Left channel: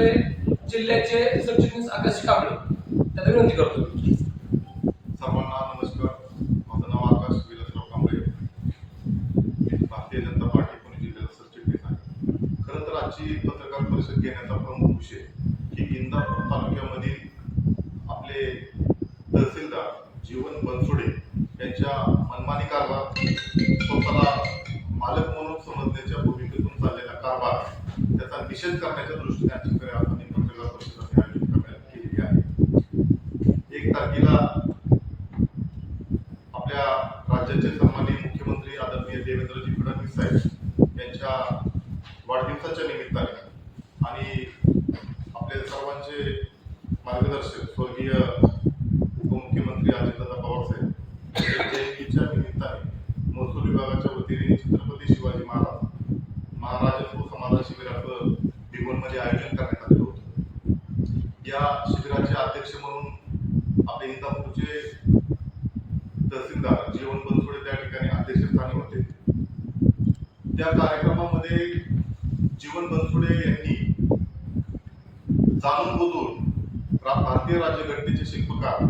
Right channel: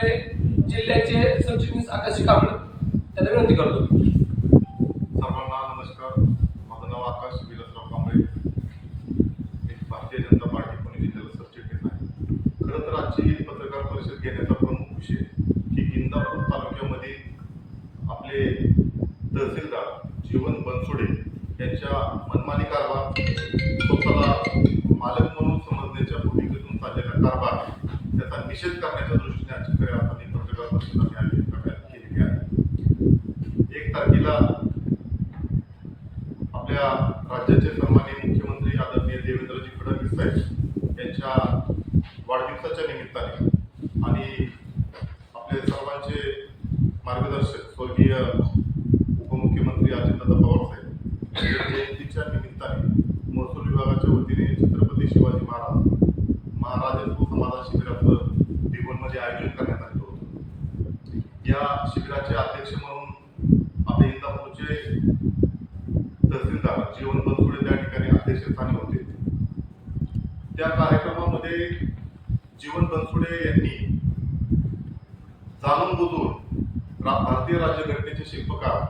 आपले जिल्ह्याचे सरचिटणीस आकाश कांबळे त्यांना विनंती करतो. सर्वांना नमस्कार. माझं नाव आकाश विलासराव कांबळे. मी भारतीय जनता पार्टी पुणे जिल्ह्याचा सरचिटणीस आहे. खरं तर आजची पत्रकार परिषद घेण्याचा प्रमुख विषय की इंदापूर तालुक्यामधील आपले तहसीलदार जीवन बनसोडे यांच्या मनमानी कारभार, स्वतःला मालक म्हणून समजण्याच्या भूमिकेतून चाललेला कारभार, त्याचा निषेध करण्याच्या दृष्टीने आजची खऱ्या अर्थाने पत्रकार परिषद आम्ही आयोजित करण्यात केलेली आहे. 1 तारखेला आपल्या राज्याचे सन्माननीय मुख्यमंत्री आदरणीय देवेंद्रजी फडणवीस साहेब यांच्या वाढदिवसाच्या निमित्ताने आणि आपले सर्वांचे मार्गदर्शक स्वर्गीय उपमुख्यमंत्री अजितदादा पवार साहेब यांच्या जयंतीच्या निमित्ताने महसूल विभागाच्या वतीने छत्रपती शिवाजी महाराज समाधान शिबिराचं भिगवणमध्ये आयोजन करण्यात आलेलं होतं. या शिबिराचे अध्यक्ष म्हणून आपले इंदापूरचे तहसीलदार जीवन बनसोडे त्या ठिकाणी अध्यक्षस्थानी होते. त्या कार्यक्रमामध्ये जीवन बनसोडे यांनी जाणून बुजून भारतीय राज्यघटनेचे शिल्पकार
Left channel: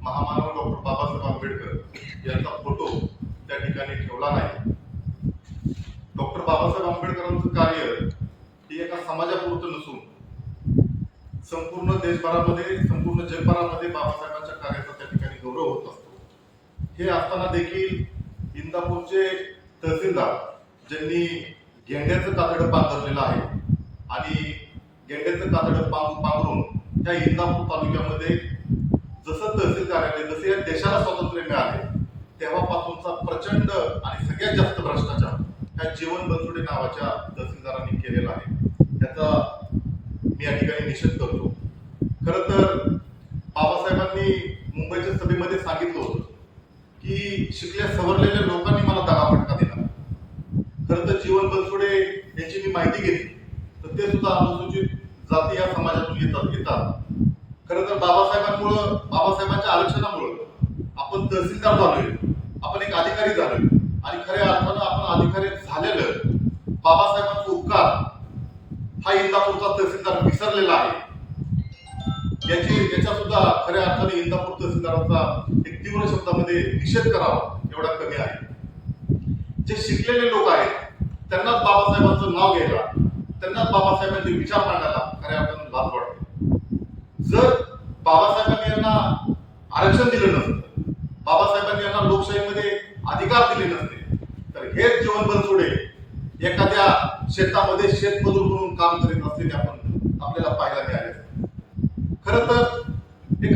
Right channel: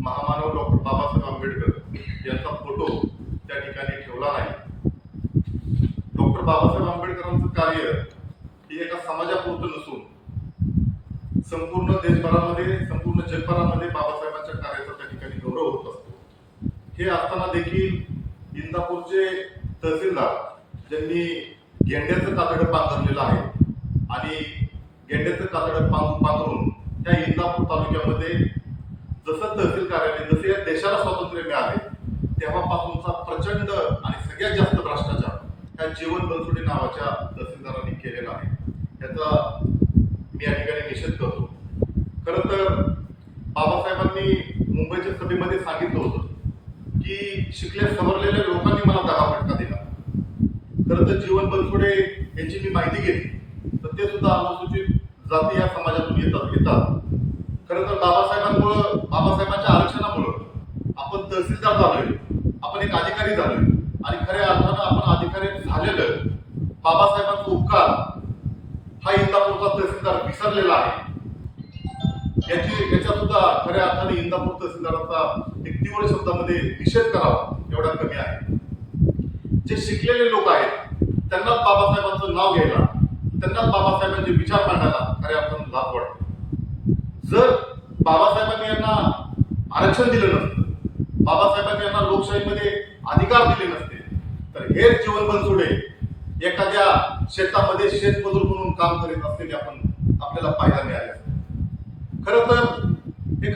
महामानव डॉक्टर बाबासाहेब आंबेडकर यांचा फोटो त्या ठिकाणी ठेवला नाही. डॉक्टर बाबासाहेब आंबेडकरांचं कार्य हे एका समाजापुरतं नसून संपूर्ण देशभरामध्ये, संपूर्ण जगभरामध्ये बाबासाहेबांच्या कार्याचा त्या ठिकाणी गौरव होत असतो. हे असताना देखील इंदापूरचे तहसीलदार ज्यांनी गेंड्याचं कातडं पांघरलेलं आहे आणि गेंड्याचं कातडं पांघरून त्या इंदापूर तालुक्यामध्ये जसं तहसील कार्यालय, जसे या देशाला स्वातंत्र्य मिळाले तेव्हापासूनचा प्रचंड आणि सगळ्यात जास्त भ्रष्टाचार ह्या जीवन बनसोडे नावाच्या तहसीलदारांनी केलेला आहे. त्याचा मी या ठिकाणी निषेध करतो. खरं तर बाबासाहेबांनी मुंबईच्या सभेमध्ये सांगितलं होतं की शिकल्या सवरलेल्या लोकांनी मला दगाफटका दिला. खरं तर जीवन बनसोडे यांची मी माहिती घेतली तर ते सुद्धा अनुसूचित जाती या समाजातून येतात. खरं तर बाबासाहेबांच्या आरक्षणामुळं आपण तहसीलदार झालोय, आपण एक अधिकारी झालोय आणि खऱ्या अर्थानं आपण अधिकारी झालेलं बाबासाहेबांचा उपकार हा इंदापूरचा तहसीलदार विसरलेला आहे. याचा सुद्धा खऱ्या अर्थाने इंदापूर तहसीलदाराचा एक तीव्र शब्दामध्ये निषेध करावा एवढा कमी आहे. जे शिकलेले लोक आहेत त्यांनाच बाबासाहेबांचं नाव घ्यायला, त्यांनाच बाबासाहेबांचे विचार मांडायला खऱ्या अर्थानं लाज वाटते. जर बाबासाहेबांनी यांना आरक्षण दिलं नसतं, बाबासाहेबांनी यांना लोकशाहीमध्ये अधिकार दिले नसते तर हेच जीवन बनसोडे एखाद्या शेतामध्ये शेतमजूर म्हणून काम करीत असलेले आपल्याला पाहायला मिळाले. खरं तर एक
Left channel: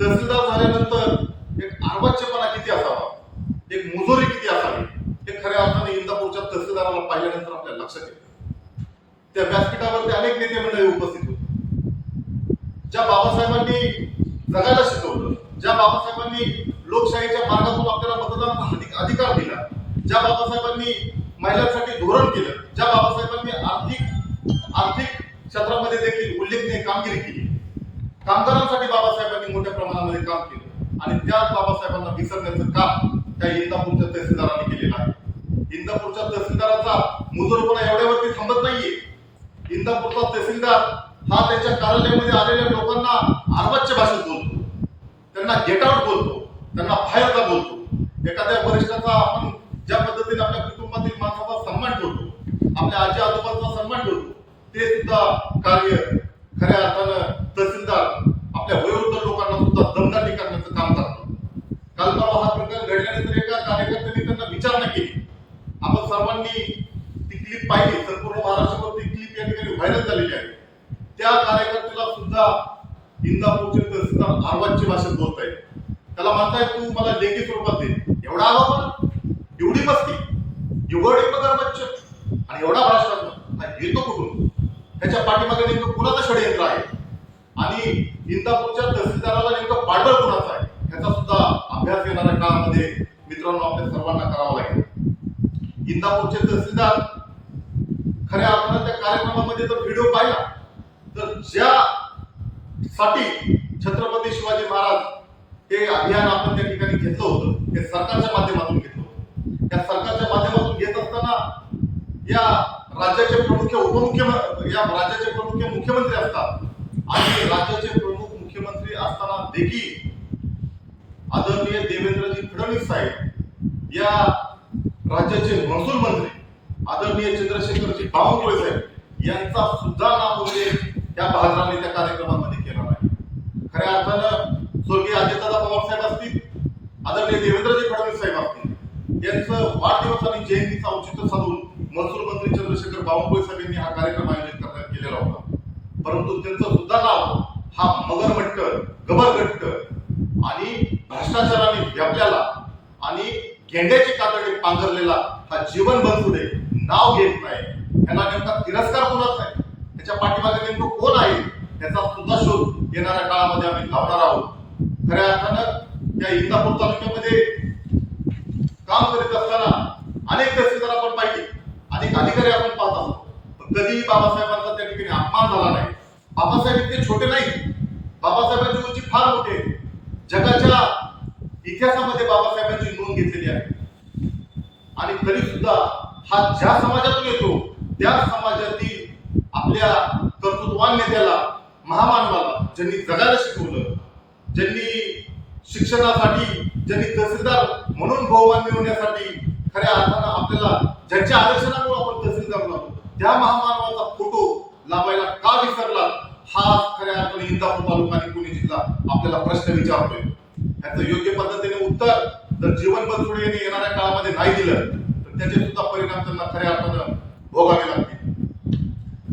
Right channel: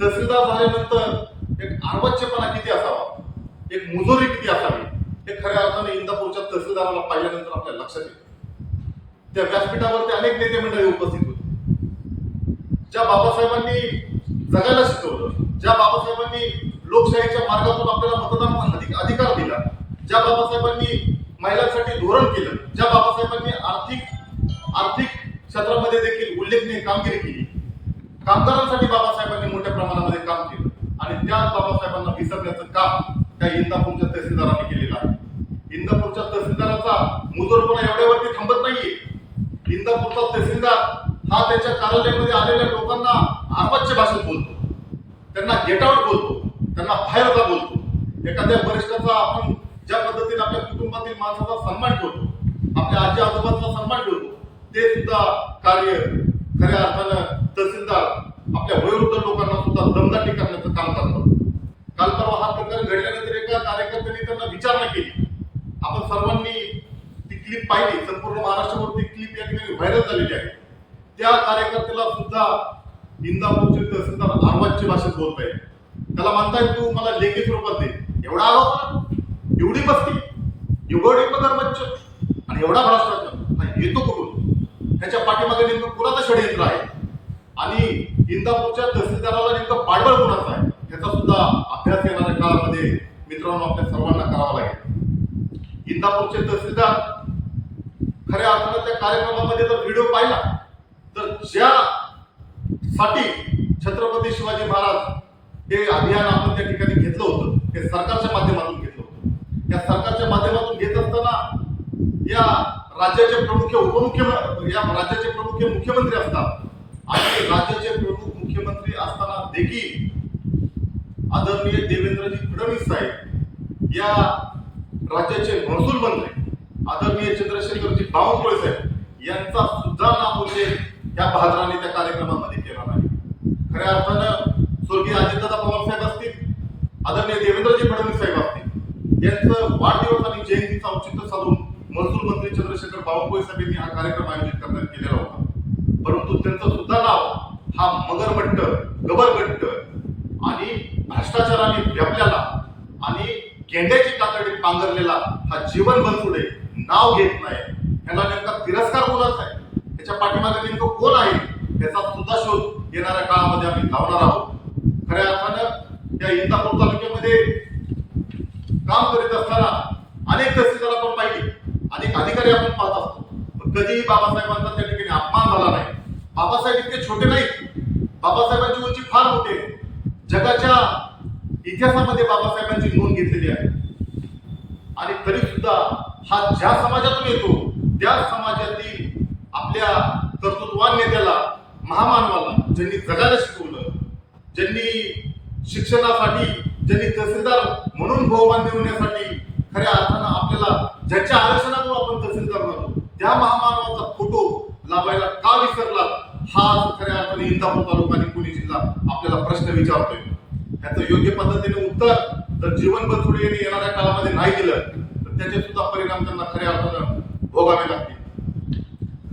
तहसीलदार झाल्यानंतर एक अर्वाच्यपणा किती असावा, एक मुजोरी किती असावी हे खऱ्या अर्थाने इंदापूरच्या तहसीलदाराला पाहिल्यानंतर आपल्याला लक्षात येतं. त्या व्यासपीठावरती अनेक नेते मंडळी उपस्थित होते. ज्या बाबासाहेबांनी जगायला शिकवलं, ज्या बाबासाहेबांनी लोकशाहीच्या मार्गातून आपल्याला मतदानाचा अधिकार दिला, ज्या बाबासाहेबांनी महिलांसाठी धोरण केलं, ज्या बाबासाहेबांनी आर्थिक क्षेत्रामध्ये देखील उल्लेखनीय कामगिरी केली, कामगारांसाठी बाबासाहेबांनी मोठ्या प्रमाणामध्ये काम केलं आणि त्याच बाबासाहेबांना विसरण्याचं काम त्या इंदापूरच्या तहसीलदारांनी केलेलं आहे. इंदापूरच्या तहसीलदाराचा मुजोरपणा एवढ्यावरती थांबत नाहीये. इंदापूरचा तहसीलदार हा त्याच्या कार्यालयामध्ये आलेल्या लोकांना अर्वाच्य भाषेत बोलतो, त्यांना गेट आउट बोलतो, त्यांना बाहेर जा बोलतो. एखाद्या वरिष्ठाचा आपण ज्या पद्धतीने आपल्या कुटुंबातील माणसाचा सन्मान ठेवतो, आपल्या आजी आजोबांचा सन्मान ठेवतो, ते सुद्धा कार्य खऱ्या अर्थानं तहसीलदार आपल्या वयोवृद्ध लोकांना सुद्धा दमदाटी करण्याचं काम करतात. काल परवा हा प्रकार घडल्यानंतर एका कार्यकर्त्यांनी त्यांना विचारणा केली. आपण सर्वांनी ती क्लिप पाहिली, संपूर्ण महाराष्ट्रावर ती क्लिप या ठिकाणी व्हायरल झालेली आहे. त्या कार्यकर्त्याला सुद्धा इंदापूरचे तहसीलदार अर्वाच्य भाषेत बोलताय. त्याला म्हणताय तू मला लेखी स्वरूपात दे. एवढा आरोप, एवढी मस्ती, एवढी मगरमच्छ आणि एवढा भ्रष्टाचार येतो कुठून? ह्याच्या पाठीमागे नेमकं कुणाचं षडयंत्र आहे आणि इंदापूरच्या तहसीलदाराला नेमकं पाठबळ कुणाचं आहे ह्याचा सुद्धा अभ्यास येणाऱ्या काळामध्ये मित्रांनो आपल्या सर्वांना करावा लागेल. इंदापूरचे तहसीलदार खऱ्या अर्थानं त्या कार्यक्रमामध्ये जर व्हिडिओ पाहिला तर ज्यासाठी छत्रपती शिवाजी महाराज हे अभियान आपण त्या ठिकाणी घेतलं होतं, हे सरकारच्या माध्यमातून घेतलं होतं. या सरकारच्या माध्यमातून घेत असताना या राज्याचे प्रमुख उपमुख्यमंत्री या राज्याचे प्रमुख मुख्यमंत्री असतात आणि राज्याचे प्रमुख मुख्यमंत्री असताना देखील आदरणीय देवेंद्रजी फडणवीस साहेब या राज्याचे महसूल मंत्री आदरणीय चंद्रशेखरजी बावनकुळे साहेब यांचा सुद्धा नामोल्लेख या बहादराने त्या कार्यक्रमामध्ये केला नाही. खऱ्या अर्थानं स्वर्गीय अजितदादा पवार साहेब असतील, आदरणीय देवेंद्रजी फडणवीस साहेब असतील, यांचं वाढदिवस आणि जयंतीचं औचित्य साधून महसूल मंत्री चंद्रशेखर बावनकुळे साहेब यांनी हा कार्यक्रम आयोजित करण्यात केलेला होता. परंतु त्यांचं सुद्धा नाव हा मगरमट्ट, गबरगट्ट आणि भ्रष्टाचाराने व्यापलेला आणि गेंड्याची कातडी पांघरलेला हा जीवन बनसुडे नाव घेत नाही. याला नेमका तिरस्कार कोणाचा आहे, त्याच्या पाठीमागे नेमकं कोण आहे याचा सुद्धा शोध येणाऱ्या काळामध्ये आम्ही लावणार आहोत. खऱ्या अर्थानं या इंदापूर तालुक्यामध्ये काम करीत असताना अनेक तहसीलदार आपण पाहिली, अनेक अधिकारी आपण पाहत असतो, पण कधीही बाबासाहेबांचा त्या ठिकाणी अपमान झाला नाही. बाबासाहेब इतके छोटे नाहीत, बाबासाहेबांची उंची फार मोठी आहे. जगाच्या इतिहासामध्ये बाबासाहेबांची नोंद घेतलेली आहे आणि तरी सुद्धा हा ज्या समाजातून येतो त्या समाजातील आपल्या कर्तृत्वान नेत्याला, महामानवाला, ज्यांनी जगायला शिकवलं, ज्यांनी शिक्षणासाठी, ज्यांनी तहसीलदार म्हणून बहुमान मिळवण्यासाठी खऱ्या अर्थानं आपल्याला ज्यांच्या आरक्षणामुळे आपण तहसीलदार झालो त्या महामानवाचा फोटो लावायला का विसरला, हा खऱ्या अर्थाने इंदापूर तालुका आणि पुणे जिल्हा आपल्याला प्रश्न विचारतोय. याचं योग्य पद्धतीने उत्तर जर जीवन बनसोडे यांनी येणाऱ्या काळामध्ये नाही दिलं तर त्याचे सुद्धा परिणाम त्यांना खऱ्या अर्थानं भोगावे लागतील.